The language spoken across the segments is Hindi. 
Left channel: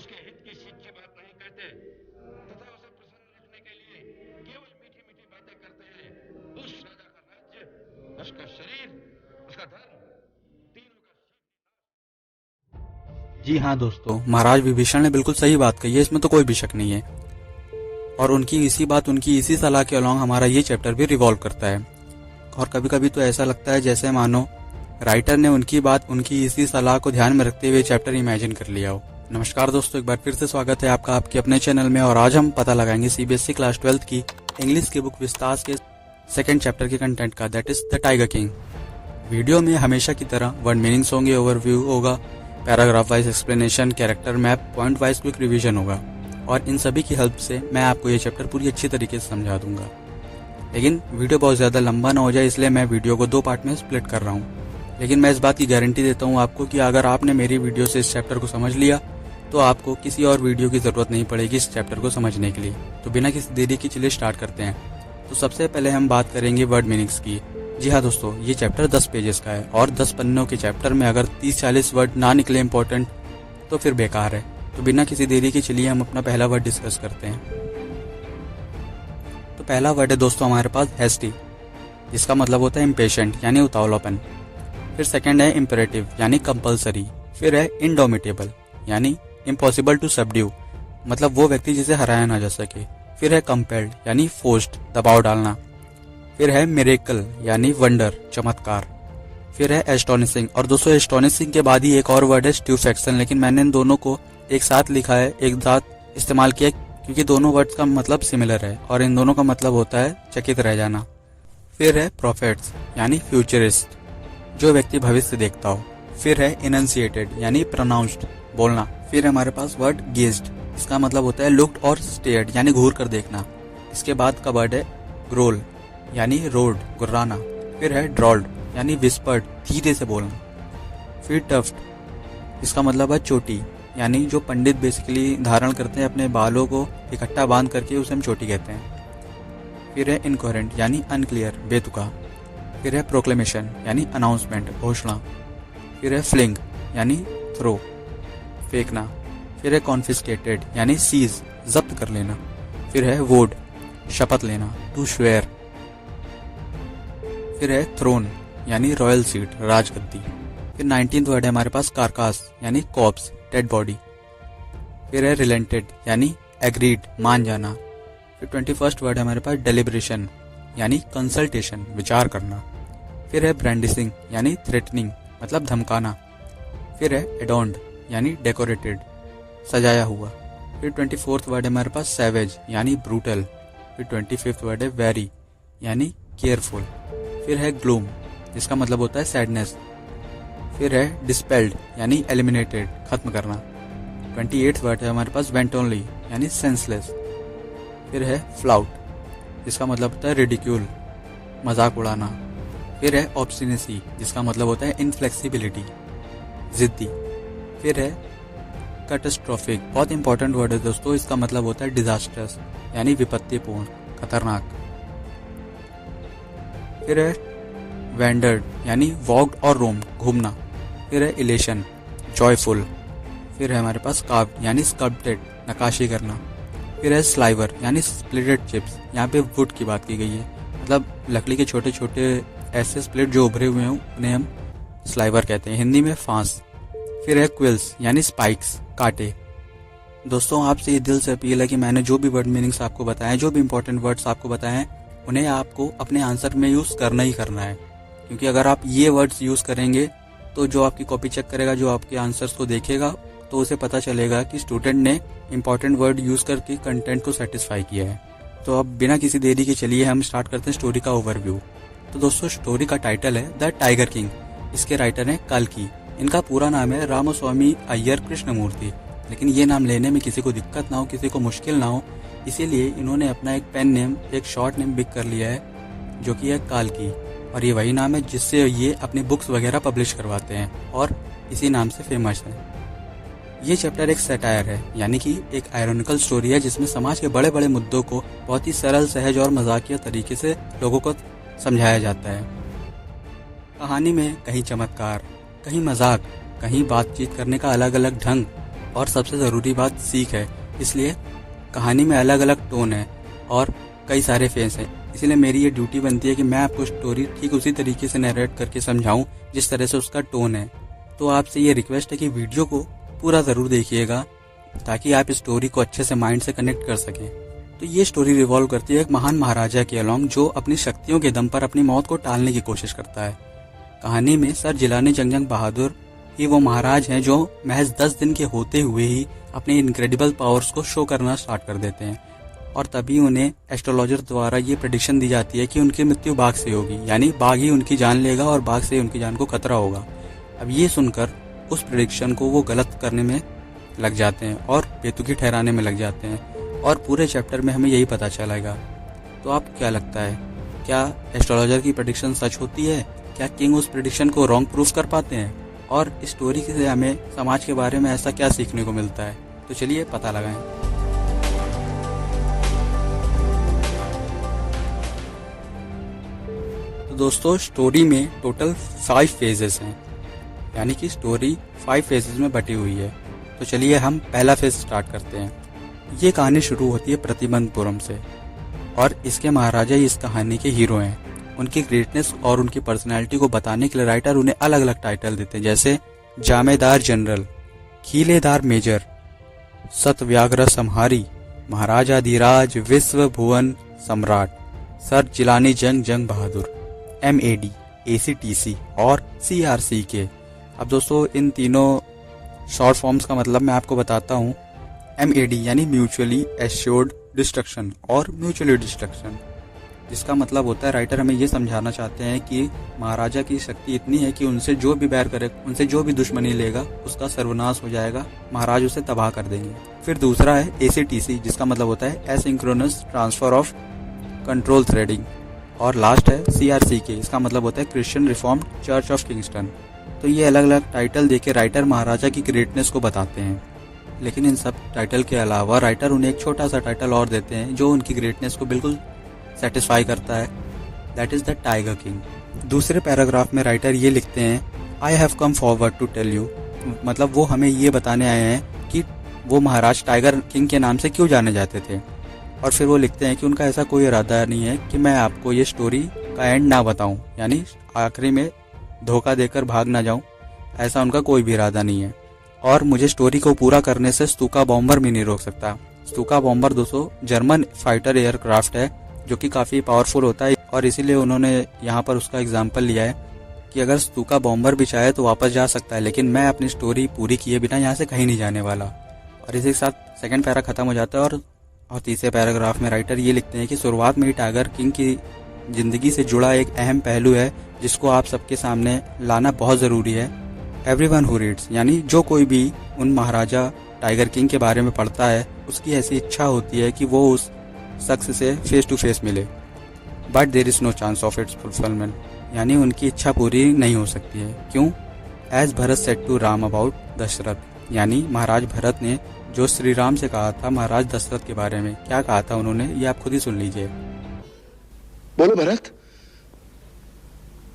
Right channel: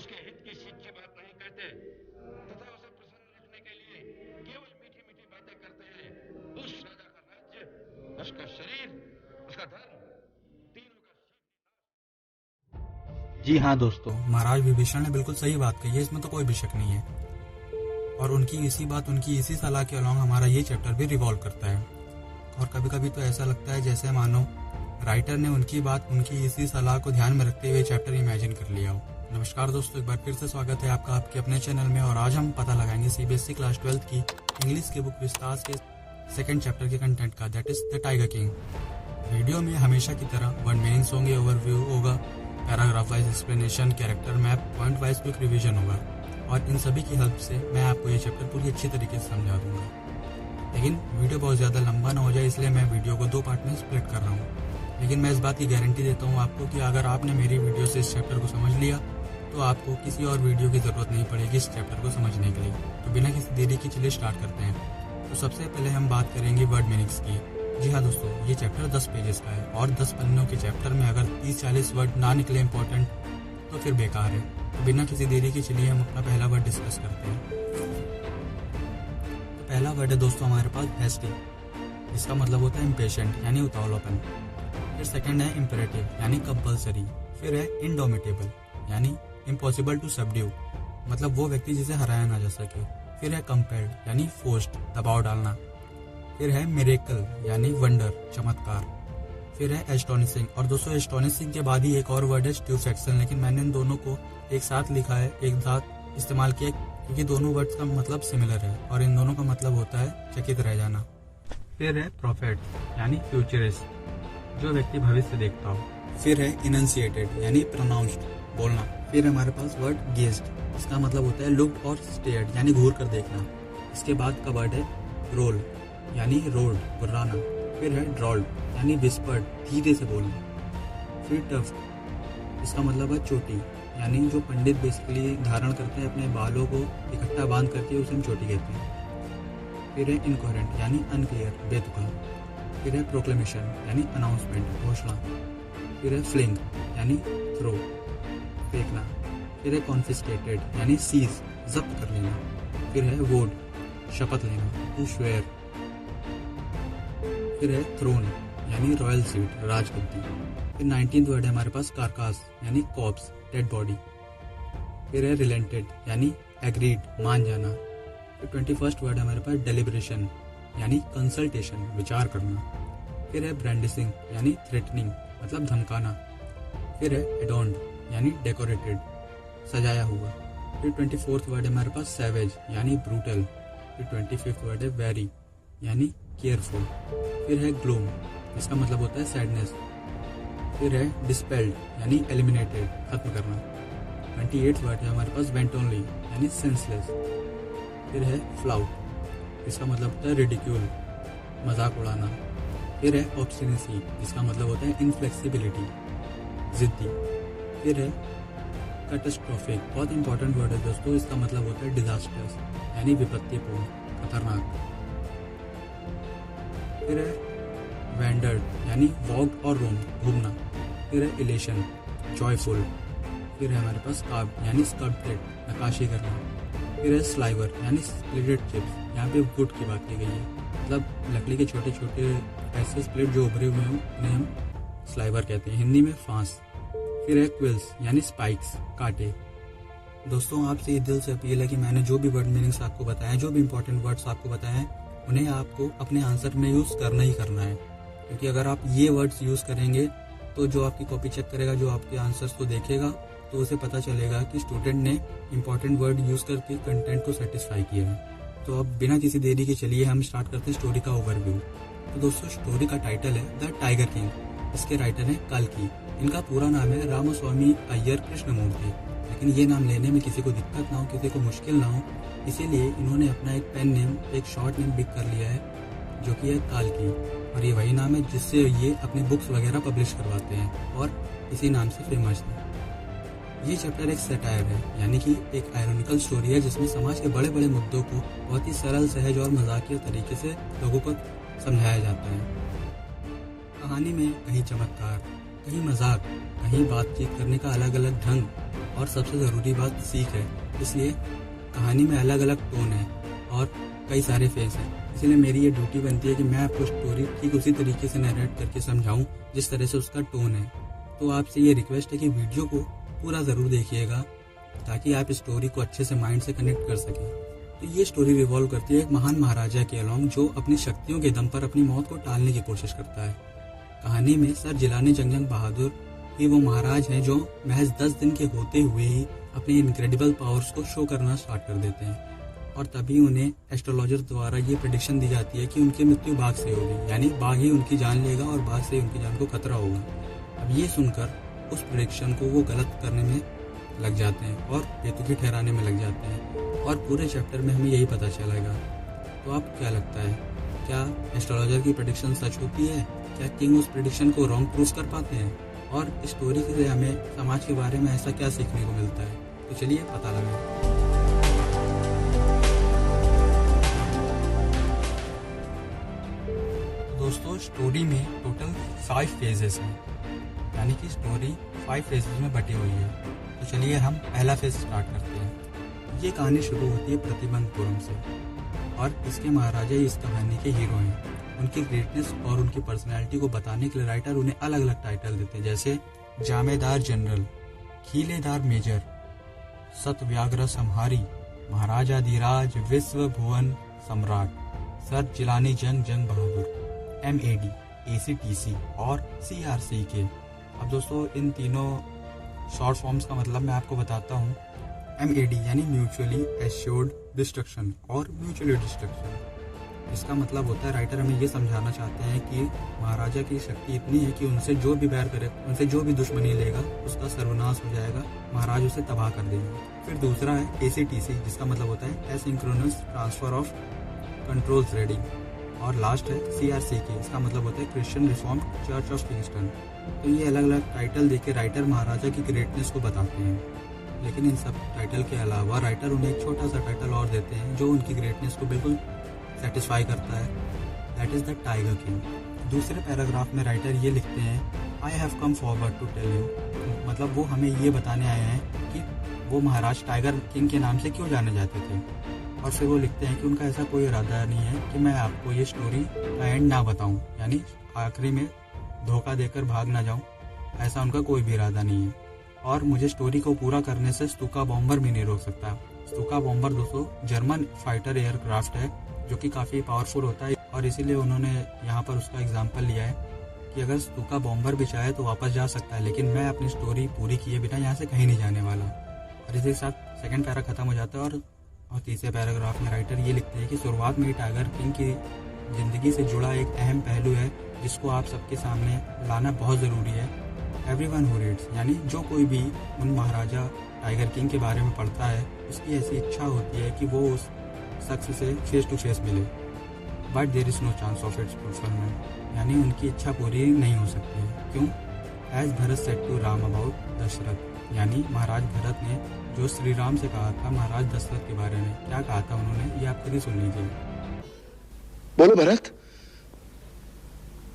उसके हित की सीख की बात नहीं कहते तथा उसे प्रसन्न रखने के लिए केवल मीठी मीठी बातें करते हैं। उस राजा का राज्य, उसका शरीर, उसका धर्म, तीनों का जी हाँ दोस्तों, महाराज विभीषण ने बिल्कुल सही बात कही है, इसमें तो कोई भी शक नहीं है। और उनकी इसी सलाह के अलॉन्ग हमारा ये चैप्टर भी रिवॉल्व करता है। और कभी कभी तो ऐसा लगता है जैसे मानो राइटर ने उनकी इसी सलाह को ध्यान में रखते हुए चैप्टर इमेजिन कर लिया हो। नमस्कार दोस्तों, एक बार फिर से स्वागत है आपका आपके अपने चैनल में। और आज हम पता लगाएंगे सीबीएसई क्लास 12 की इंग्लिश की बुक विस्तास के सेकेंड चैप्टर के कंटेंट का, that is the tiger king. Video में हमेशा की तरह वर्ड मीनिंग्स होंगे, ओवरव्यू होगा, paragraph wise explanation, character map, point wise quick revision होगा। और इन सभी की हेल्प से मैं आपको ये चैप्टर पूरी अच्छी तरीके से समझा दूंगा। लेकिन वीडियो बहुत ज़्यादा लंबा ना हो जाए, इसलिए मैं वीडियो को 2 पार्ट में स्प्लिट कर रहा हूँ। लेकिन मैं इस बात की गारंटी देता हूँ आपको कि अगर आपने मेरी वीडियो से इस चैप्टर को समझ लिया तो आपको किसी और वीडियो की ज़रूरत नहीं पड़ेगी इस चैप्टर को समझने के लिए। तो बिना किसी देरी की चलिए स्टार्ट करते हैं। तो सबसे पहले हम बात करेंगे वर्ड मीनिंग्स की। जी हाँ दोस्तों, ये चैप्टर 10 पेजेस का है और 10 पन्नों के चैप्टर में अगर 30-40 वर्ड ना निकले इम्पोर्टेंट तो फिर बेकार है। तो बिना किसी देरी के चलिए हम अपना पहला वर्ड डिस्कस करते हैं। तो पहला वर्ड है दोस्तों हमारे पास हैस्टी, जिसका मतलब होता है इम्पेशेंट यानी उतावलापन। फिर सेकंड है इम्पेरेटिव यानी कंपल्सरी। फिर है इंडोमिटेबल यानी इम्पॉसिबल टू सबड्यू, मतलब वो व्यक्ति जिसे हराया ना जा सके। फिर है कंपेल्ड यानी फोर्स्ड, दबाव डालना। फिर है मिरेकल यानी वंडर, चमत्कार। फिर है एस्टोनिशिंग, और दोस्तों एस्टोनिशिंग के बाद ही एक और वर्ड है स्ट्यूफेक्शन, लेकिन मैंने इन दोनों को एक साथ लिखा है, एक साथ इस्तेमाल किया क्योंकि दोनों वर्ड्स का मतलब सिमिलर है और इन दोनों का मतलब होता है चकित रह जाना। फिर है प्रोफेट्स यानी फ्यूचरिस्ट, जो व्यक्ति भविष्य देखता हो। फिर है इनंसिएटेड यानी प्रोनाउंस्ड, बोलना। फिर हमारे पास वर्ड गेज्ड, इसका मतलब होता है लुक्ड और स्टेयर्ड यानी घूर कर देखना। इसके बाद का वर्ड है ग्रोल यानी रोड, गुर्राना। फिर है ड्रॉल्ड यानी विस्पर्ड, धीरे से बोलना। फिर टफ्ट, इसका मतलब है चोटी, यानी जो पंडित बेसिकली धारण करते हैं अपने बालों को इकट्ठा बांध करके, उसे हम चोटी कहते हैं। फिर है इनकोहेरेंट यानी अनक्लियर, बेतुका। फिर है प्रोक्लेमेशन यानी अनाउंसमेंट, घोषणा। फिर है फ्लिंग यानी थ्रो, फेंकना। फिर है कॉन्फिस्केटेड यानी सीज, जब्त कर लेना। फिर है वोड, शपथ लेना, टू स्वेयर। फिर है थ्रोन यानी रॉयल सीट, राजगद्दी। फिर 19th वर्ड है हमारे पास कारकास यानी कॉप्स, डेड बॉडी। फिर है रिलेंटेड यानी एग्रीड, मान जाना। फिर 21st वर्ड है हमारे पास डेलिब्रेशन यानी कंसल्टेशन, विचार करना। फिर है ब्रांडिसिंग यानी थ्रेटनिंग, मतलब धमकाना। फिर है एडॉन्ड यानी डेकोरेटेड, सजाया हुआ। फिर 24th वर्ड है हमारे पास सैवेज यानी ब्रूटल। फिर 25th वर्ड है वेरी यानी केयरफुल। फिर है ग्लूम, जिसका मतलब होता है सैडनेस। फिर है डिस्पेल्ड यानी एलिमिनेटेड, खत्म करना। 28th वर्ड है हमारे पास वेंटोनली यानी सेंसलेस। फिर है फ्लाउट, जिसका मतलब होता है रिडिक्यूल, मजाक उड़ाना। फिर है ऑब्स्टिनेसी, जिसका मतलब होता है इनफ्लेक्सिबिलिटी, जिद्दी। फिर है कैटास्ट्रोफिक, बहुत इंपॉर्टेंट वर्ड है दोस्तों, इसका मतलब होता है डिजास्टर्स यानी विपत्तिपूर्ण, खतरनाक। फिर है वेंडर्ड यानी वॉक्ड और रोम्ड, घूमना। फिर है इलेशन, जॉयफुल। फिर है हमारे पास कार्व्ड यानी स्कल्प्टेड, नक्काशी करना। फिर है स्लाइवर यानी स्प्लिटेड चिप्स, यहाँ पे वुड की बात की गई है, मतलब लकड़ी के छोटे छोटे ऐसे स्प्लिट जो उभरे हुए हों उन्हें हम स्लाइवर कहते हैं, हिंदी में फांस। फिर है क्विल्स यानी स्पाइक्स, कांटे। दोस्तों आपसे ये दिल से अपील है कि मैंने जो भी वर्ड मीनिंग्स आपको बताए, जो भी इंपॉर्टेंट वर्ड्स आपको बताए हैं, उन्हें आपको अपने आंसर में यूज़ करना ही करना है। क्योंकि अगर आप ये वर्ड्स यूज़ करेंगे तो जो आपकी कॉपी चेक करेगा, जो आपके आंसर्स को देखेगा, तो उसे पता चलेगा कि स्टूडेंट ने इंपॉर्टेंट वर्ड यूज़ करके कंटेंट को सेटिस्फाई किया है। तो अब बिना किसी देरी के चलिए हम स्टार्ट करते हैं स्टोरी का ओवरव्यू। तो दोस्तों स्टोरी का टाइटल है द टाइगर किंग। इसके राइटर हैं कल्कि। इनका पूरा नाम है रामास्वामी अय्यर कृष्णमूर्ति, लेकिन ये नाम लेने में किसी को दिक्कत ना हो, किसी को मुश्किल ना हो, इसीलिए इन्होंने अपना एक पेन नेम, एक शॉर्ट नेम पिक कर लिया है, जो कि है काल्की। और ये वही नाम है जिससे ये अपनी बुक्स वगैरह पब्लिश करवाते हैं और इसी नाम से फेमस है। ये चैप्टर एक सैटायर है, यानी कि एक आयरॉनिकल स्टोरी है जिसमें समाज के बड़े बड़े मुद्दों को बहुत ही सरल, सहज और मजाकिया तरीके से लोगों को समझाया जाता है। कहानी में कहीं चमत्कार, कहीं मजाक, कहीं बातचीत करने का अलग अलग ढंग और सबसे ज़रूरी बात सीख है। इसलिए कहानी में अलग अलग टोन है और कई सारे फेस हैं। इसलिए मेरी ये ड्यूटी बनती है कि मैं आपको स्टोरी ठीक उसी तरीके से नरेट करके समझाऊं जिस तरह से उसका टोन है। तो आपसे ये रिक्वेस्ट है कि वीडियो को पूरा ज़रूर देखिएगा ताकि आप स्टोरी को अच्छे से माइंड से कनेक्ट कर सकें। तो ये स्टोरी रिवॉल्व करती है एक महान महाराजा के अलॉन्ग जो अपनी शक्तियों के दम पर अपनी मौत को टालने की कोशिश करता है। कहानी में सर जिलानी जंग बहादुर ही वो महाराज हैं जो महज 10 दिन के होते हुए ही अपने इनक्रेडिबल पावर्स को शो करना स्टार्ट कर देते हैं और तभी उन्हें एस्ट्रोलॉजर द्वारा ये प्रेडिक्शन दी जाती है कि उनकी मृत्यु बाघ से होगी, यानी बाघ ही उनकी जान लेगा और बाघ से उनकी जान को खतरा होगा। अब ये सुनकर उस प्रेडिक्शन को वो गलत करने में लग जाते हैं और बेतुकी ठहराने में लग जाते हैं और पूरे चैप्टर में हमें यही पता चलेगा। तो आपको क्या लगता है, क्या एस्ट्रोलॉजर की प्रेडिक्शन सच होती है? क्या किंग उस प्रेडिक्शन को रॉन्ग प्रूफ कर पाते हैं? और स्टोरी से हमें समाज के बारे में ऐसा क्या सीखने को मिलता है? तो चलिए पता लगाएं। तो दोस्तों स्टोरी में टोटल 5 फेजेस हैं, यानी कि स्टोरी 5 फेजेस में बटी हुई है। तो चलिए हम पहला फेज स्टार्ट करते हैं। ये कहानी शुरू होती है प्रतिबंधपुरम से और इसके महाराजा ही इस कहानी के हीरो हैं। उनकी ग्रेटनेस और उनकी पर्सनैलिटी को बताने के लिए राइटर उन्हें अलग अलग टाइटल देते हैं, जैसे जामेदार जनरल, खीलेदार मेजर, सतव्याग्र संहारी, महाराजाधिराज, विश्व भुवन सम्राट, सर जिलानी जंग बहादुर, MAD, ACTC और CRCK। अब दोस्तों इन तीनों शॉर्ट फॉर्म्स का मतलब मैं आपको बताता हूँ। MAD यानी म्यूचुअली एश्योर्ड डिस्ट्रक्शन और म्यूचुअली डिस्ट्रक्शन, जिसका मतलब होता है राइटर हमें ये समझाना चाहते हैं कि महाराजा की शक्ति इतनी है कि उनसे जो भी बैर करे, उनसे जो भी दुश्मनी लेगा उसका सर्वनाश हो जाएगा, महाराज उसे तबाह कर देंगे। फिर दूसरा है ACTC, जिसका मतलब होता है asynchronous transfer of control threading, और लास्ट है CRCK, इसका मतलब होता है Christian reform church of Kingston. तो ये अलग अलग टाइटल देके राइटर महाराजा की ग्रेटनेस को बताते हैं, लेकिन इन सब टाइटल के अलावा राइटर उन्हें एक छोटा सा टाइटल और देते हैं जो उनकी ग्रेटनेस को बिल्कुल सेटिस्फाई करता है, that is the tiger king. दूसरे पैराग्राफ में राइटर ये लिखते हैं, I have come forward to tell you, मतलब वो हमें ये बताने आए हैं कि वो महाराज टाइगर किंग के नाम से क्यों जाने जाते थे। और फिर वो लिखते हैं कि उनका ऐसा कोई इरादा नहीं है कि मैं आपको ये स्टोरी का एंड ना बताऊं, यानी आखिरी में धोखा देकर भाग ना जाऊं, ऐसा उनका कोई भी इरादा नहीं है। और मुझे स्टोरी को पूरा करने से स्तूका बॉम्बर भी नहीं रोक सकता। स्तूका बॉम्बर दोस्तों जर्मन फाइटर एयरक्राफ्ट है जो कि काफ़ी पावरफुल होता है, और इसीलिए उन्होंने यहाँ पर उसका एग्जाम्पल लिया है कि अगर स्तूका बॉम्बर भी चाहे तो वापस जा सकता है, लेकिन मैं अपनी स्टोरी पूरी किए बिना यहाँ से कहीं नहीं जाने वाला। और इसी के साथ सेकंड पैरा खत्म हो जाता है और तीसरे पैराग्राफ में राइटर ये लिखते हैं कि शुरुआत में ही टाइगर किंग की ज़िंदगी से जुड़ा एक अहम पहलू है जिसको आप सबके सामने लाना बहुत ज़रूरी है। एवरीवन हु रीड्स, यानी जो कोई भी उन महाराजा टाइगर किंग के बारे में पढ़ता है उसकी ऐसी इच्छा होती है कि वो उस शख्स से फेस टू फेस मिले, but there is no chance of its fulfilment, यानी उनकी इच्छा पूरी नहीं हो सकती है। क्यों? एज Bharat said to Ram about Dasharath, यानी महाराज भरत ने जो श्री राम से कहा था महाराज दशरथ के बारे में, क्या कहा था उन्होंने, ये आप खुद ही सुन लीजिए। बोलो भरत।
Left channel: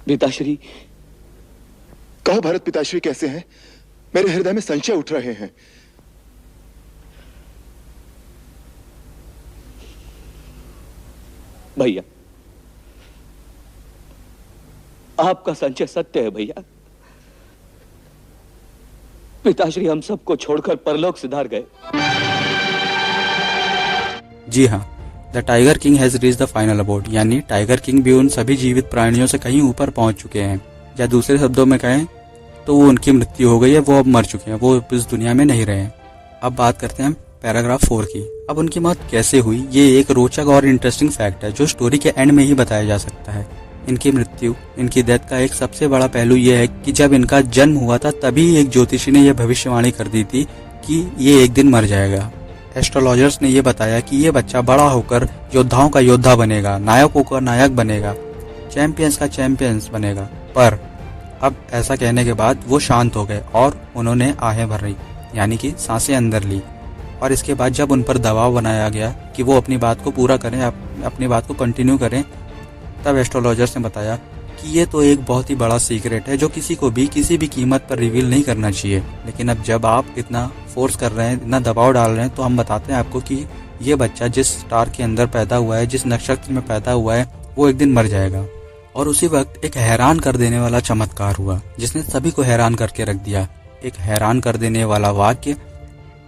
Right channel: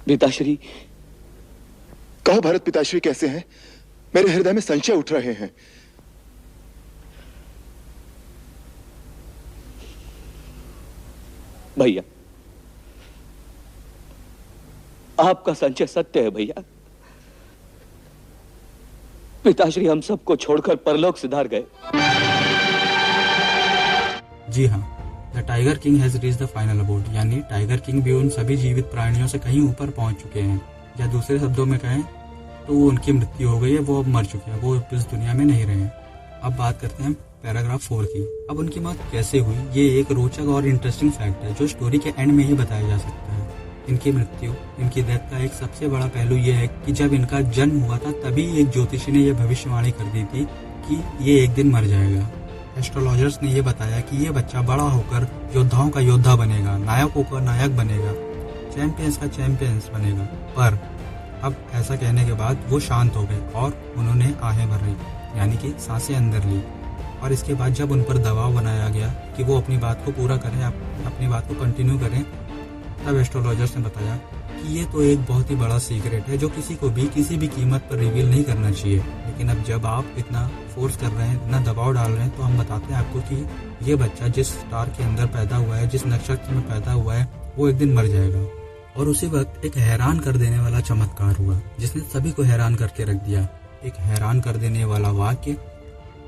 पिताश्री। कहो भरत पिताश्री कैसे हैं? मेरे हृदय में संशय उठ रहे हैं। भैया, आपका संशय सत्य है भैया। पिताश्री हम सबको छोड़कर परलोक सिधार गए। जी हाँ, the tiger king has reached the final abode, यानी टाइगर किंग भी उन सभी जीवित प्राणियों से कहीं ऊपर पहुंच चुके हैं, या दूसरे शब्दों में कहें तो वो उनकी मृत्यु हो गई है, वो अब मर चुके हैं, वो इस दुनिया में नहीं रहे। अब बात करते हैं पैराग्राफ 4 की। अब उनकी मौत कैसे हुई, ये एक रोचक और इंटरेस्टिंग फैक्ट है जो स्टोरी के एंड में ही बताया जा सकता है। इनकी मृत्यु, इनकी डेथ का एक सबसे बड़ा पहलू यह है कि जब इनका जन्म हुआ था तभी एक ज्योतिषी ने यह भविष्यवाणी कर दी थी कि ये एक दिन मर जाएगा। एस्ट्रोलॉजर्स ने यह बताया कि ये बच्चा बड़ा होकर योद्धाओं का योद्धा बनेगा, नायकों का नायक बनेगा, चैंपियंस का चैंपियंस बनेगा। पर अब ऐसा कहने के बाद वो शांत हो गए और उन्होंने आहें भरी, यानी कि सांसें अंदर ली। और इसके बाद जब उन पर दबाव बनाया गया कि वो अपनी बात को पूरा करें, अपनी बात को कंटिन्यू करें, तब एस्ट्रोलॉजर्स ने बताया कि कि ये तो एक बहुत ही बड़ा सीक्रेट है जो किसी को भी किसी भी कीमत पर रिवील नहीं करना चाहिए। लेकिन अब जब आप इतना फोर्स कर रहे हैं, इतना दबाव डाल रहे हैं, तो हम बताते हैं आपको कि ये बच्चा जिस स्टार के अंदर पैदा हुआ है, जिस नक्षत्र में पैदा हुआ है, वो एक दिन मर जाएगा। और उसी वक्त एक हैरान कर देने वाला चमत्कार हुआ जिसने सभी को हैरान करके रख दिया। एक हैरान कर देने वाला वाक्य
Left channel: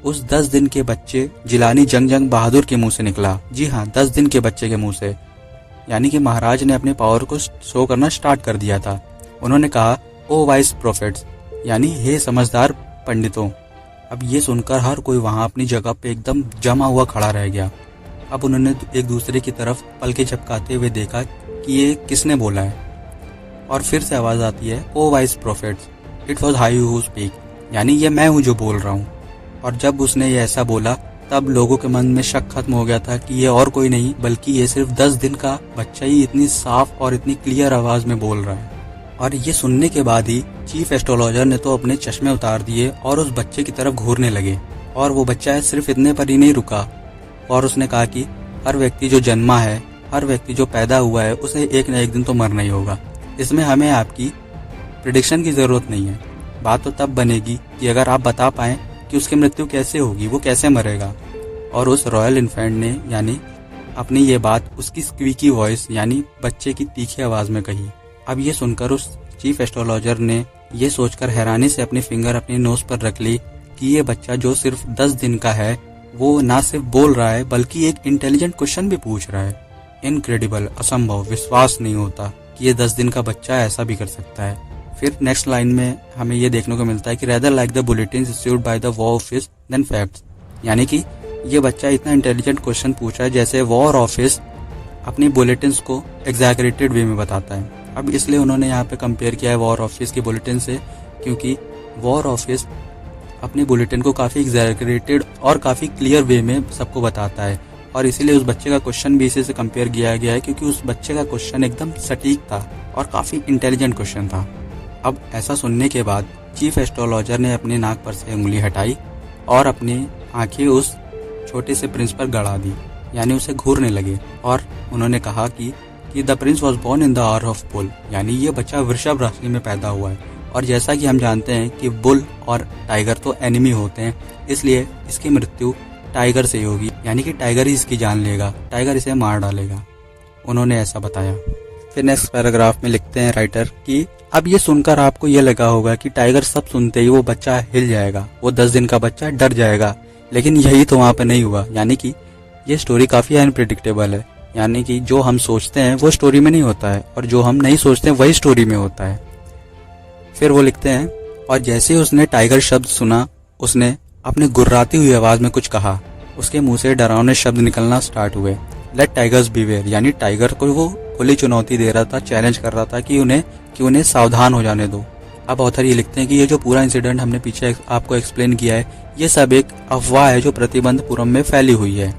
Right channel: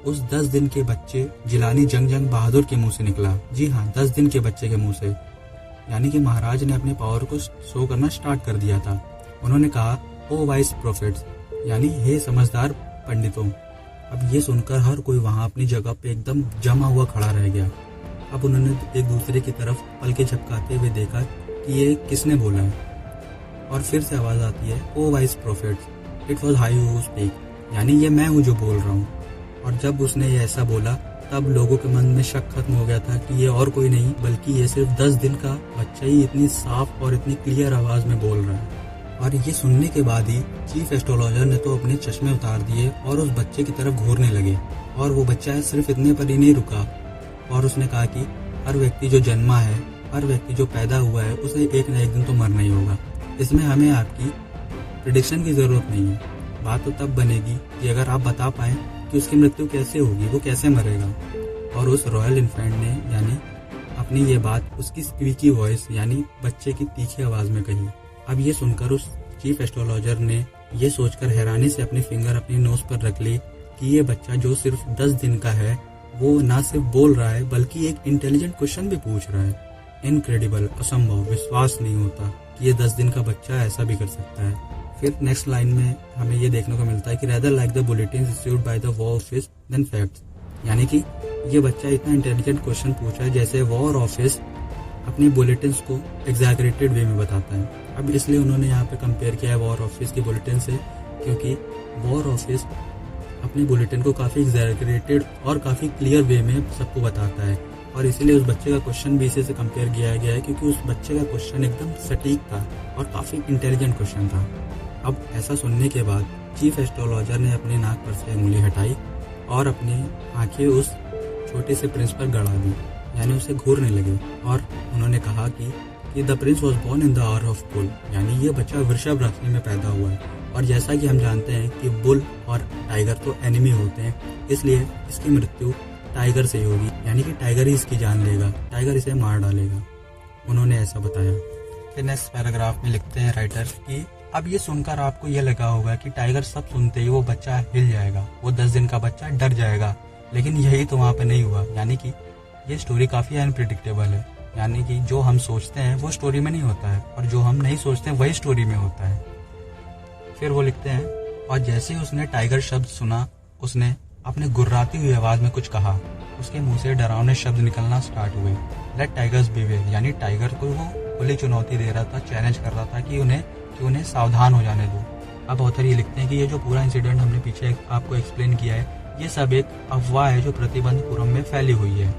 उस 10 दिन के बच्चे जिलानी जंग बहादुर के मुंह से निकला। जी हाँ, 10 दिन के बच्चे के मुंह से। यानी कि महाराज ने अपने पावर को शो करना स्टार्ट कर दिया था। उन्होंने कहा, ओ वाइस प्रोफेट्स, यानी हे समझदार पंडितों। अब ये सुनकर हर कोई वहां अपनी जगह पे एकदम जमा हुआ खड़ा रह गया। अब उन्होंने एक दूसरे की तरफ पलके झपकाते हुए देखा कि ये किसने बोला है। और फिर से आवाज आती है, O wise prophets, it was I who speak, यानी ये मैं हूँ जो बोल रहा हूँ। और जब उसने ये ऐसा बोला तब लोगों के मन में शक खत्म हो गया था कि ये और कोई नहीं बल्कि ये सिर्फ 10 दिन का बच्चा ही इतनी साफ और इतनी क्लियर आवाज में बोल रहा है। और ये सुनने के बाद ही चीफ एस्ट्रोलॉजर ने तो अपने चश्मे उतार दिए और उस बच्चे की तरफ घूरने लगे। और वो बच्चा सिर्फ इतने पर ही नहीं रुका और उसने कहा कि हर व्यक्ति जो जन्मा है, हर व्यक्ति जो पैदा हुआ है, उसे एक न एक दिन तो मरना ही होगा। इसमें हमें आपकी प्रिडिक्शन की जरूरत नहीं है। बात तो तब बनेगी कि अगर आप बता पाएं कि उसकी मृत्यु कैसे होगी, वो कैसे मरेगा। और उस रॉयल इन्फेंट ने यानी अपनी ये बात उसकी स्क्वीकी वॉइस यानी बच्चे की तीखी आवाज में कही। अब ये सुनकर उस चीफ एस्ट्रोलॉजर ने ये सोचकर हैरानी से अपनी फिंगर अपनी नोज पर रख ली कि ये बच्चा जो सिर्फ 10 दिन का है वो ना सिर्फ बोल रहा है बल्कि एक इंटेलिजेंट क्वेश्चन भी पूछ रहा है। इनक्रेडिबल, असंभव, विश्वास नहीं होता कि ये 10 दिन का बच्चा ऐसा भी कर सकता है। फिर नेक्स्ट लाइन में हमें ये देखने को मिलता है कि rather like the bulletins issued by the war office than facts, यानी कि ये बच्चा इतना इंटेलिजेंट क्वेश्चन पूछा है जैसे वॉर ऑफिस अपनी बुलेटिन्स को एग्जैगरेटेड वे में बताता है। अब इसलिए उन्होंने यहाँ पे कंपेयर किया है वॉर ऑफिस की बुलेटिन से, क्योंकि वॉर ऑफिस अपनी बुलेटिन को काफ़ी एग्जैगरेटेड और काफ़ी क्लियर वे में सबको बताता है। और इसीलिए उस बच्चे का क्वेश्चन भी इसी से कंपेयर किया गया है क्योंकि उस बच्चे का क्वेश्चन एकदम सटीक था और काफ़ी इंटेलिजेंट क्वेश्चन था। अब ऐसा सुनने के बाद चीफ एस्ट्रोलॉजर ने अपनी नाक पर से उंगली हटाई और अपनी आंखें उस छोटे से प्रिंस पर गड़ा दी, यानी उसे घूरने लगे। और उन्होंने कहा कि the prince was born in the hour of bull, यानी ये बच्चा वृषभ राशि में पैदा हुआ है। और जैसा कि हम जानते हैं कि बुल और टाइगर तो एनिमी होते हैं, इसलिए इसकी मृत्यु टाइगर से ही होगी, यानी कि टाइगर ही इसकी जान लेगा, टाइगर इसे मार डालेगा। उन्होंने ऐसा बताया। फिर नेक्स्ट पैराग्राफ में लिखते हैं राइटर कि अब ये सुनकर आपको ये लगा होगा कि टाइगर सब सुनते ही वो बच्चा हिल जाएगा, वो 10 दिन का बच्चा डर जाएगा, लेकिन यही तो वहाँ पे नहीं हुआ। यानी कि ये स्टोरी काफ़ी अनप्रेडिक्टेबल है, यानी कि जो हम सोचते हैं वो स्टोरी में नहीं होता है और जो हम नहीं सोचते वही स्टोरी में होता है। फिर वो लिखते हैं, और जैसे ही उसने टाइगर शब्द सुना उसने अपने गुर्राती हुई आवाज में कुछ कहा। उसके मुंह से डरावने शब्द निकलना स्टार्ट हुए। लेट टाइगर्स बीवेयर, यानी टाइगर को वो खुली चुनौती दे रहा था, चैलेंज कर रहा था कि उन्हें सावधान हो जाने दो। अब ऑथर ये लिखते हैं कि ये जो पूरा इंसिडेंट हमने पीछे आपको एक्सप्लेन किया है, ये सब एक अफवाह है जो प्रतिबंधपुरम में फैली हुई है।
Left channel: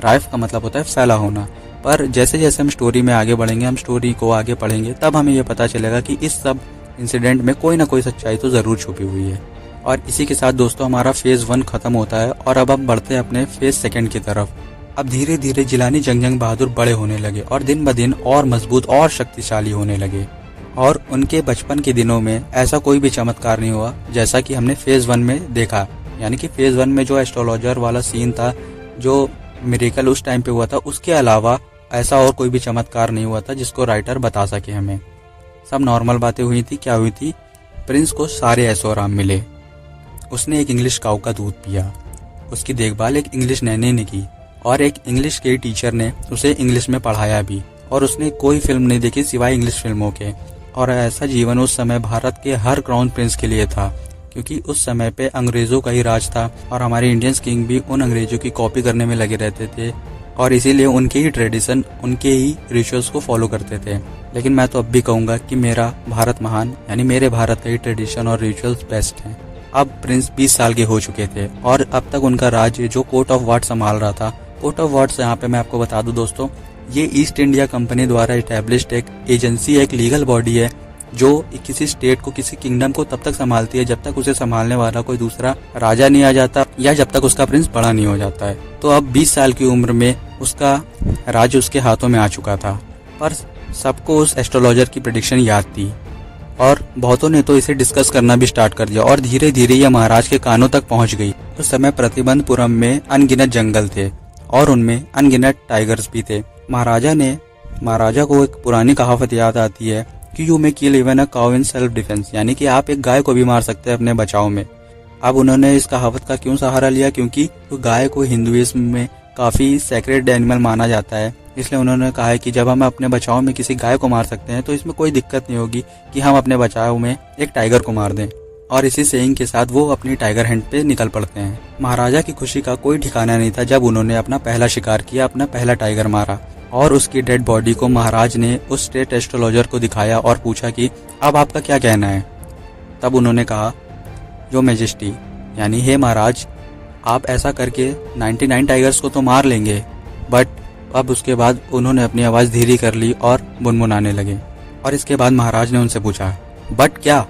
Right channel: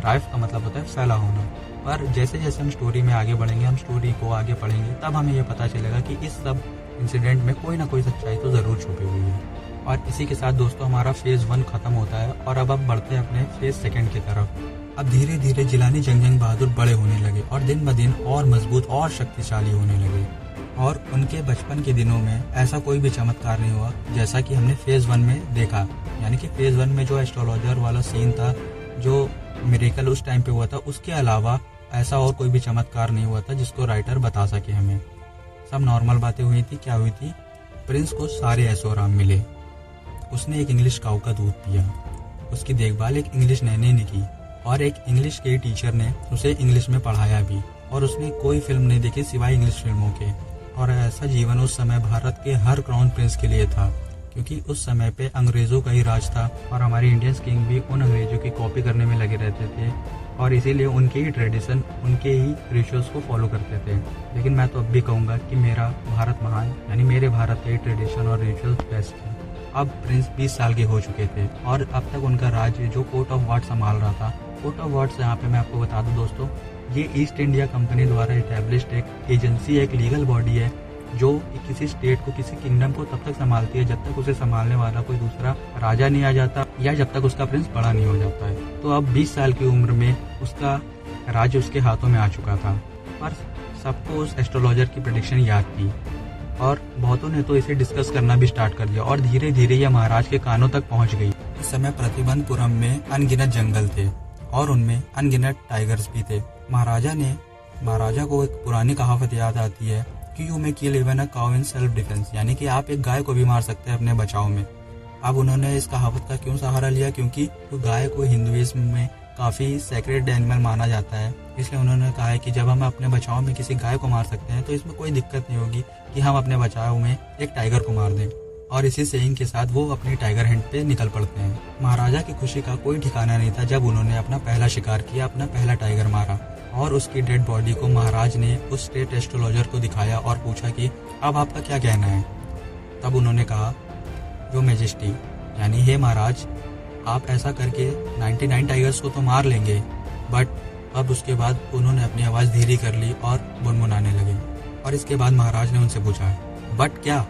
राइफ का मतलब होता है फैला होना। पर जैसे जैसे हम स्टोरी में आगे बढ़ेंगे, हम स्टोरी को आगे पढ़ेंगे, तब हमें ये पता चलेगा कि इस सब इंसिडेंट में कोई ना कोई सच्चाई तो जरूर छुपी हुई है। और इसी के साथ दोस्तों हमारा फेज 1 खत्म होता है और अब हम बढ़ते हैं अपने फेज 2 की तरफ। अब धीरे धीरे जिलानी जंग बहादुर बड़े होने लगे और दिन ब दिन और मजबूत और शक्तिशाली होने लगे। और उनके बचपन के दिनों में ऐसा कोई भी चमत्कार नहीं हुआ जैसा कि हमने फेज 1 में देखा। यानी कि फेज 1 में जो एस्ट्रोलॉजर वाला सीन था, जो मिरेकल उस टाइम पे हुआ था, उसके अलावा ऐसा और कोई भी चमत्कार नहीं हुआ था जिसको राइटर बता सके हमें। सब नॉर्मल बातें हुई थी। क्या हुई थी? प्रिंस को सारे ऐशो आराम मिले। उसने एक इंग्लिश काऊ का दूध पिया, उसकी देखभाल एक इंग्लिश नैने ने की और एक इंग्लिश के टीचर ने उसे इंग्लिश में पढ़ाया भी। और उसने कोई फिल्म नहीं देखी सिवाय इंग्लिश फिल्मों के। और ऐसा जीवन उस समय भारत के हर क्राउन प्रिंस के लिए था, क्योंकि उस समय पे अंग्रेजों का ही राज था और हमारे इंडियंस किंग भी उन अंग्रेजों की कॉपी करने में लगे रहते थे और इसीलिए उनके ही ट्रेडिशन, उनके ही रिचुअल्स को फॉलो करते थे। लेकिन मैं तो अब भी कहूँगा कि मेरा भारत महान, यानी मेरे भारत के ही ट्रेडिशन और रिचुअल्स बेस्ट हैं। अब प्रिंस 20 साल के हो चुके थे और अब तक उनका राज्य जो कोर्ट ऑफ वार्ड संभाल रहा था। कोर्ट ऑफ वार्ड्स यहाँ पे मैं आपको बता दूं दोस्तों, ये ईस्ट इंडिया कंपनी द्वारा इस्टेब्लिश्ड एक एजेंसी, एक लीगल बॉडी है जो किसी स्टेट को, किसी किंगडम को तब तक संभालती है जब तक उसे संभालने वाला कोई दूसरा राजा नहीं आ जाता या जब तक उसका प्रिंस बड़ा नहीं हो जाता है। तो अब 20 साल की उम्र में उसका राज्य उसके हाथों में आ चुका था। पर सबको उस एस्ट्रोलॉजर की प्रेडिक्शन याद थी और बहुतों ने तो इसे डिस्कस करना भी स्टार्ट कर दिया और धीरे धीरे यह महाराज के कानों तक पहुंच गई। उस समय प्रतिबंधपुरम में अनगिनत जंगल थे और उनमें अनगिनत टाइगर्स भी थे। महाराजा को एक पुरानी कहावत याद आती है कि you may kill even a cow in self defence, यानी कि आप एक गाय को भी मार सकते हैं अपने बचाव में। अब उन्होंने इस कहावत का क्यों सहारा लिया, क्योंकि गाय को हिंदुइज्म में काफ़ी सैक्रेड एनिमल माना जाता है, इसलिए उन्होंने कहा है कि जब हम अपने बचाव में किसी गाय को मार सकते हैं तो इसमें कोई दिक्कत नहीं होगी कि हम अपने बचाव में एक टाइगर को मार दें। और इसी सेइंग के साथ वो अपनी टाइगर हंट पे निकल पड़ते हैं। महाराजा की खुशी का कोई ठिकाना नहीं था जब उन्होंने अपना पहला शिकार किया, अपना पहला टाइगर मारा और उसकी डेड बॉडी को महाराज ने उस स्टेट एस्ट्रोलॉजर को दिखाया और पूछा कि अब आपका क्या कहना है। तब उन्होंने कहा, यो मैजेस्टी, यानी हे महाराज, आप ऐसा करके 99 टाइगर्स को तो मार लेंगे, बट अब उसके बाद उन्होंने अपनी आवाज़ धीरे कर ली और मुनमुनाने लगे। और इसके बाद महाराज ने उनसे पूछा, बट क्या?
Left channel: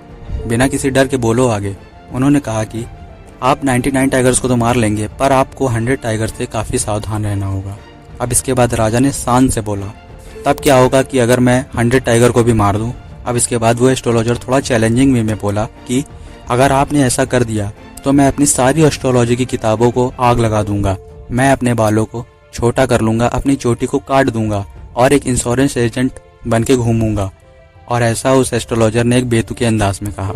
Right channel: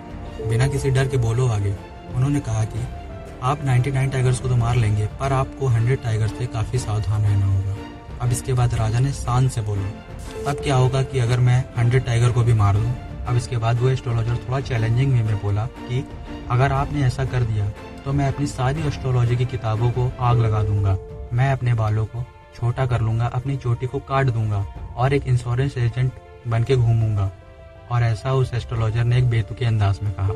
बिना किसी डर के बोलो आगे। उन्होंने कहा कि आप 99 टाइगर्स को तो मार लेंगे, पर आपको 100 टाइगर्स से काफ़ी सावधान रहना होगा। अब इसके बाद राजा ने शान से बोला, तब क्या होगा कि अगर मैं 100 टाइगर को भी मार दूं? अब इसके बाद वो एस्ट्रोलॉजर थोड़ा चैलेंजिंग वे में बोला कि अगर आपने ऐसा कर दिया तो मैं अपनी सारी एस्ट्रोलॉजी की किताबों को आग लगा दूंगा, मैं अपने बालों को छोटा कर लूंगा, अपनी चोटी को काट दूंगा और एक इंश्योरेंस एजेंट बन के घूमूंगा। और ऐसा उस एस्ट्रोलॉजर ने एक बेतुके अंदाज में कहा।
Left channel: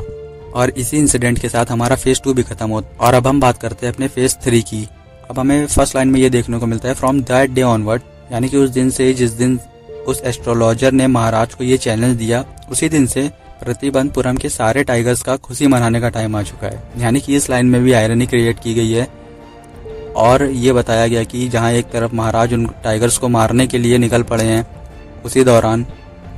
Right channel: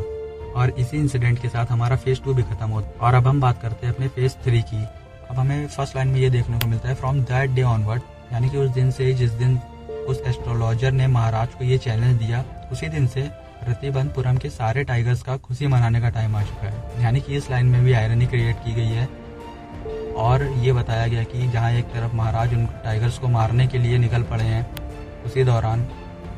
और इसी इंसिडेंट के साथ हमारा फेज 2 भी खत्म होता। और अब हम बात करते हैं अपने फेज 3 की। अब हमें फर्स्ट लाइन में ये देखने को मिलता है, फ्रॉम दैट डे ऑनवर्ड, यानी कि उस दिन से जिस दिन उस एस्ट्रोलॉजर ने महाराज को ये चैलेंज दिया, उसी दिन से प्रतिबंधपुरम के सारे टाइगर्स का खुशी मनाने का टाइम आ चुका है। यानी कि इस लाइन में भी आयरनी क्रिएट की गई है और ये बताया गया कि जहाँ एक तरफ महाराज उन टाइगर्स को मारने के लिए निकल पड़े हैं, उसी दौरान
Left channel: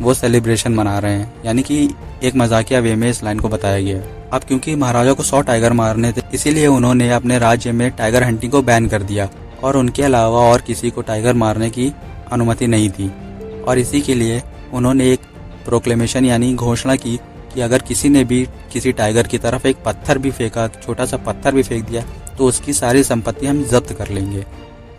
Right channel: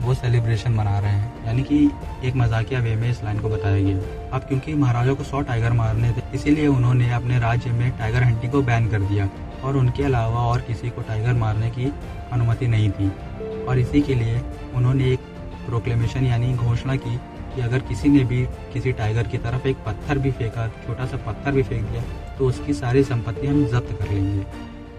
वो सेलिब्रेशन मना रहे हैं। यानी कि एक मजाकिया वे में इस लाइन को बताया गया। अब क्योंकि महाराजा को 100 टाइगर मारने थे, इसीलिए उन्होंने अपने राज्य में टाइगर हंटिंग को बैन कर दिया और उनके अलावा और किसी को टाइगर मारने की अनुमति नहीं थी। और इसी के लिए उन्होंने एक प्रोक्लेमेशन यानी घोषणा की कि अगर किसी ने भी किसी टाइगर की तरफ एक पत्थर भी फेंका, छोटा सा पत्थर भी फेंक दिया, तो उसकी सारी संपत्ति हम जब्त कर लेंगे।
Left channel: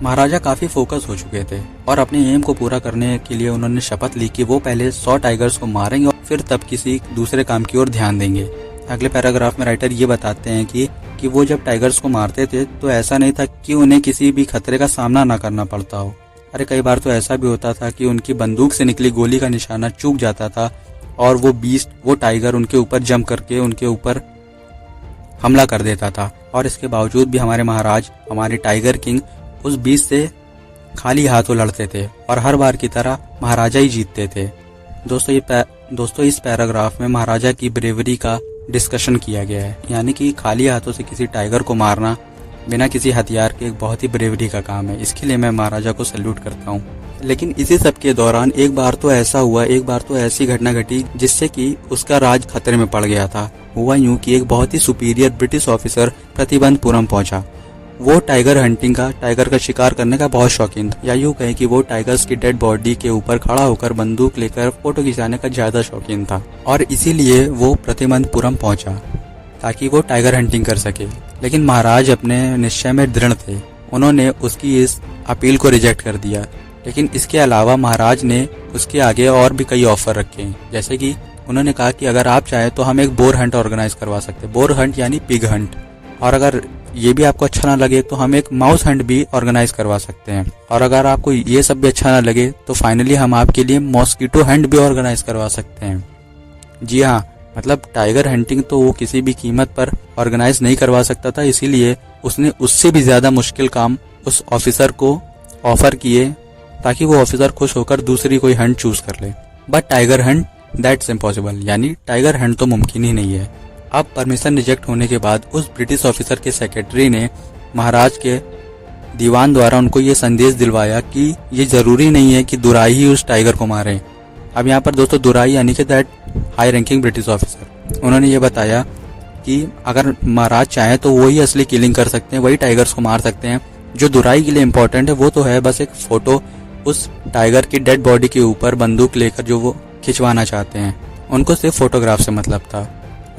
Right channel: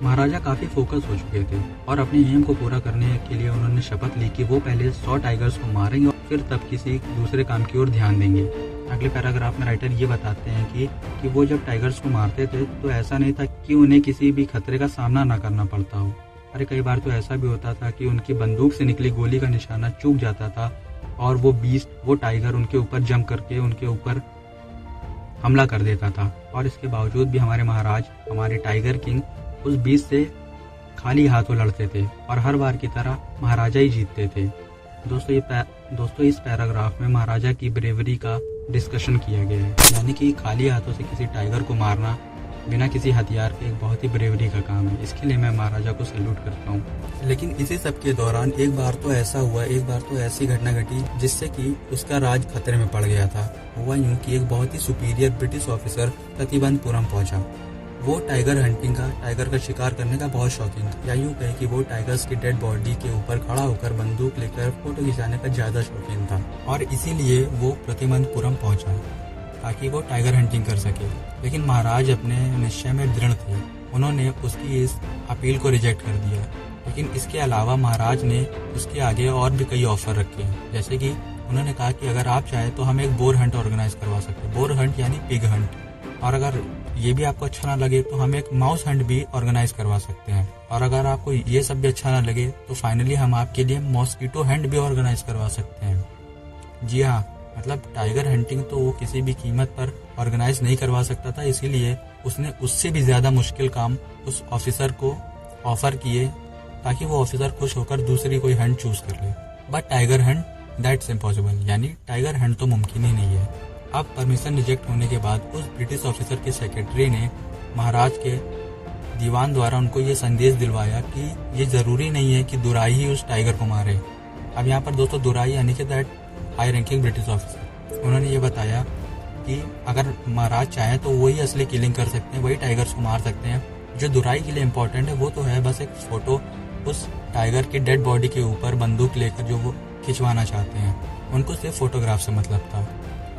महाराजा काफ़ी फोकस हो चुके थे और अपने एम को पूरा करने के लिए उन्होंने शपथ ली कि वो पहले 100 टाइगर्स को मारेंगे और फिर तब किसी दूसरे काम की ओर ध्यान देंगे। अगले पैराग्राफ में राइटर ये बताते हैं कि वो जब टाइगर्स को मारते थे तो ऐसा नहीं था कि उन्हें किसी भी खतरे का सामना ना करना पड़ता हो। अरे कई बार तो ऐसा भी होता था कि उनकी बंदूक से निकली गोली का निशाना चूक जाता था और वो टाइगर उनके ऊपर जंप करके उनके ऊपर हमला कर देता था। और इसके बावजूद भी हमारे महाराज, हमारे टाइगर किंग उस बीच से खाली हाथों लड़ते थे और हर बार की तरह महाराजा ही जीतते थे। दोस्तों इस पैराग्राफ में महाराजा की ब्रेवरी का डिस्कशन किया गया है। यानी कि खाली हाथों से किसी टाइगर को मारना बिना किसी हथियार के एक बहुत ही ब्रेवरी का काम है। इसके लिए मैं महाराजा को सैल्यूट करता हूँ। लेकिन इसी सब के दौरान एक बार तो ऐसी घटना घटी जिससे कि उसका राज खतरे में पड़ गया था। हुआ यूं कि एक बहुत ही सुपीरियर ब्रिटिश ऑफिसर प्रतिबंधपुरम पहुंचा। वो टाइगर का शिकार करने का बहुत शौकीन था, या यूं कहें कि वो टाइगर्स की डेड बॉडी के ऊपर खड़ा होकर बंदूक लेकर फोटो खिंचाने का ज्यादा शौकीन था और इसीलिए वो प्रतिबंधपुरम पहुंचा ताकि वो टाइगर हंटिंग कर सके। लेकिन महाराज अपने निश्चय में दृढ़ थे, उन्होंने उसकी इस अपील को रिजेक्ट कर दिया। लेकिन इसके अलावा महाराज ने उसके आगे और भी कई ऑफर रखे, जैसे कि उन्होंने कहा कि अगर आप चाहें तो हम एक बोर हंट ऑर्गेनाइज करवा सकते हैं, बोर हंट यानी पिग हंट, और अगर ये भी आपको अच्छा ना लगे तो हम एक माउस हंट भी ऑर्गेनाइज करवा सकते हैं, और अगर आपको ये सब भी अच्छा ना लगे तो फाइनली हम आपके लिए मॉस्किटो हंट भी ऑर्गेनाइज करवा सकते हैं। जी हाँ, मतलब टाइगर हंटिंग तो वो किसी भी कीमत पर ऑर्गेनाइज नहीं करवा सकता था, इसीलिए उसने उससे भी ज्यादा मुश्किल काम उस ऑफिसर को ऑफर किए ताकि वो ऑफिसर खुश होकर दूसरी कोई हंट चूज कर ले। But tiger Hunt that's impossible, यानी टाइगर हंट तो मुमकिन ही नहीं है। अब परमिशन रिजेक्ट होने के बाद उस ब्रिटिश ऑफिसर के सेक्रेटरी ने महाराज के दीवान द्वारा उनको ये संदेश दिलवाया कि ये जरूरी नहीं है कि दुराई ही उस टाइगर को मारे। अब यहाँ पर दोस्तों दुराई यानी कि that high ranking British officer, उन्होंने ये बताया कि अगर महाराज चाहे तो वही असली किलिंग कर सकते हैं, वही टाइगर्स को मार सकते हैं। जो दुराई के लिए इम्पोर्टेंट है वो तो है बस एक फोटो उस टाइगर की डेड बॉडी के ऊपर बंदूक लेकर जो वो खिंचवाना चाहते हैं, उनको सिर्फ फोटोग्राफ से मतलब था।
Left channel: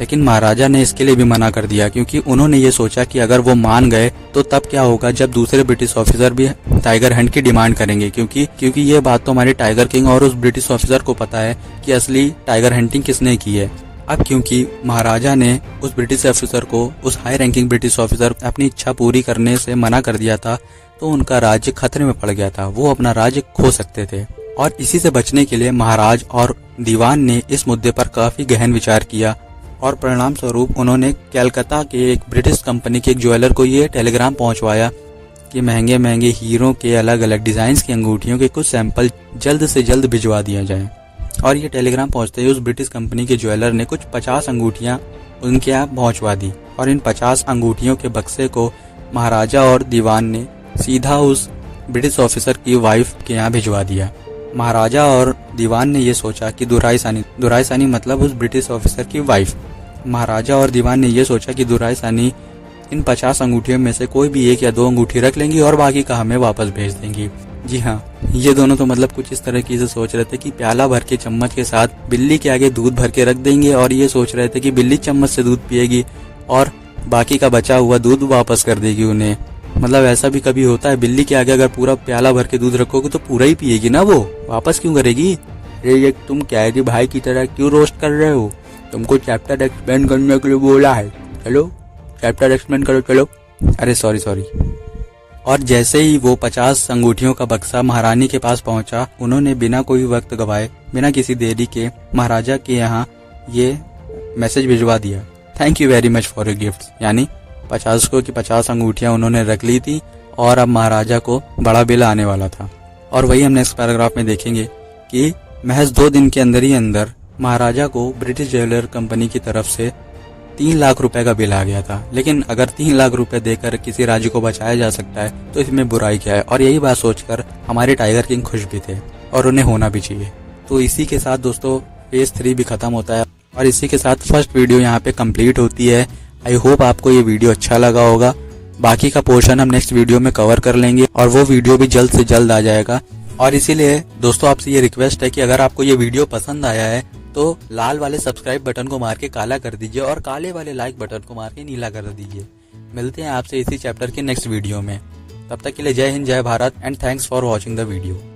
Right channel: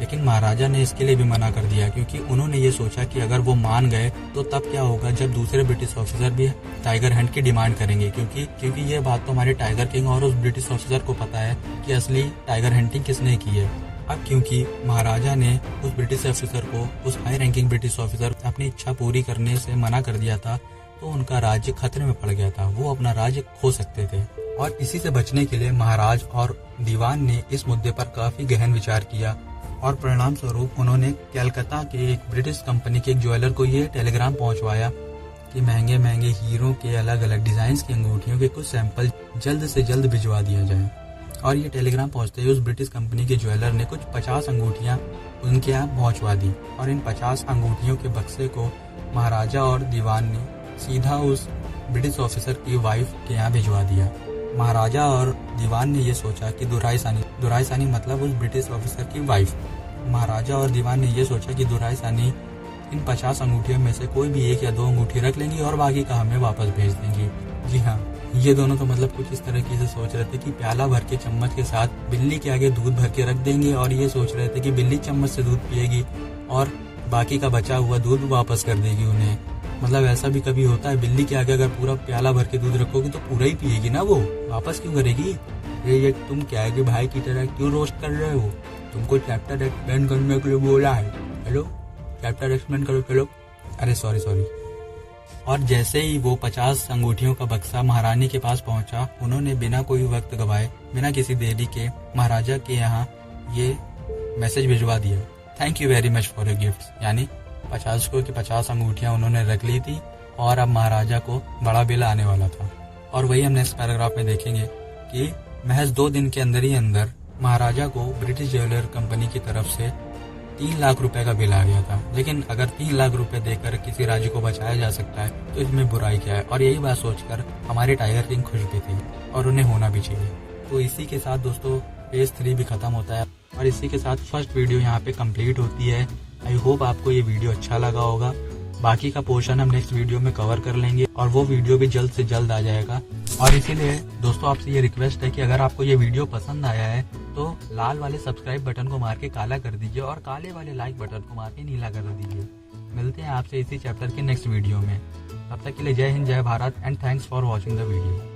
लेकिन महाराजा ने इसके लिए भी मना कर दिया, क्योंकि उन्होंने ये सोचा कि अगर वो मान गए तो तब क्या होगा जब दूसरे ब्रिटिश ऑफिसर भी टाइगर हंट की डिमांड करेंगे, क्योंकि ये बात तो हमारे टाइगर किंग और उस ब्रिटिश ऑफिसर को पता है कि असली टाइगर हंटिंग किसने की है। अब क्योंकि महाराजा ने उस ब्रिटिश ऑफिसर को, उस हाई रैंकिंग ब्रिटिश ऑफिसर अपनी इच्छा पूरी करने से मना कर दिया था, तो उनका राज्य खतरे में पड़ गया था, वो अपना राज्य खो सकते थे। और इसी से बचने के लिए महाराज और दीवान ने इस मुद्दे पर काफी गहन विचार किया और परिणाम स्वरूप उन्होंने कलकत्ता के एक ब्रिटिश कंपनी के एक ज्वेलर को ये टेलीग्राम पहुंचवाया कि महंगे महंगे हीरो के अलग अलग डिजाइन की अंगूठियों के कुछ सैंपल जल्द से जल्द भिजवा दिया जाए। और ये टेलीग्राम पहुंचते ही उस ब्रिटिश कंपनी के ज्वेलर ने कुछ 50 अंगूठियां उनके यहाँ पहुंचवा दी और इन 50 अंगूठियों के बक्से को महाराजा और दीवान ने सीधा उस ब्रिटिश ऑफिसर की वाइफ के यहाँ भिजवा दिया। महाराजा और दीवान ने ये सोचा कि दुरायसानी मतलब उस ब्रिटिश ऑफिसर की वाइफ। महाराजा और दीवान ने ये सोचा कि दुरायसानी इन 50 अंगूठियों में से कोई भी 1 या 2 अंगूठी रख लेंगी और बाकी का हमें वापस भेज देंगी। जी हाँ, ये दोनों तो मतलब कुछ इस तरह की से सोच रहे थे कि प्याला भर के चम्मच के साथ बिल्ली के आगे दूध भर के रख देंगे और ये सोच रहे थे कि बिल्ली चम्मच से दूध पिएगी और बाकी का बचा हुआ दूध वापस कर देगी उन्हें। मतलब ऐसा भी कभी होता है, बिल्ली के आगे अगर पूरा प्याला भर के दूध रखोगे तो पूरा ही पिएगी ना, वो वापस क्यों करेगी? ये तुम कैदी भाई की तरह क्यों रोस्ट कर रहे हो? तुमको चैप्टर एक्सप्लेन करने के लिए बोला है, चलो चैप्टर एक्सप्लेन करो चलो। अरे सॉरी। और जैसे ही वो 50 अंगूठियों का बक्सा महारानी के पास पहुंचा, उन्होंने बिना कोई वक्त गवाए, बिना किसी देरी के महाराजा के यहाँ ये मैसेज भिजवा दिया, thank you very much for your gifts. यानी 50 को की 50 अंगूठियां उन्होंने रख ली थी और अब महाराजा को बड़ा बिल आने वाला था। और वही हम नेक्स्ट पैराग्राफ में देखेंगे कि महज 2 दिन के अंदर ही अंदर महाराजा को ब्रिटिश ज्वेलर कंपनी की तरफ से 3 लाख रुपए का बिल आ गया था। लेकिन अगर 3 लाख रुपए देकर किसी राज्य को बचाया जा सकता है तो इसमें बुराई क्या है? और यही बात सोचकर हमारे टाइगर किंग खुश भी थे और उन्हें होना भी चाहिए। तो इसी के साथ दोस्तों फेज 3 भी खत्म होता है और इसी के साथ फर्स्ट वीडियो यहाँ पे कंप्लीट होती है। आई होप आपको ये वीडियो अच्छा लगा होगा। बाकी का पोर्शन हम नेक्स्ट वीडियो में कवर कर लेंगे और वो वीडियो भी जल्द से जल्द आ जाएगा। और इसीलिए दोस्तों आपसे ये रिक्वेस्ट है कि अगर आपको ये वीडियो पसंद आया है तो लाल वाले सब्सक्राइब बटन को मार के काला कर दीजिए और काले वाले लाइक बटन को मार के नीला कर दीजिए। मिलते हैं आपसे इसी चैप्टर के नेक्स्ट वीडियो में। तब तक के लिए जय हिंद, जय Bharat and thanks for watching the video.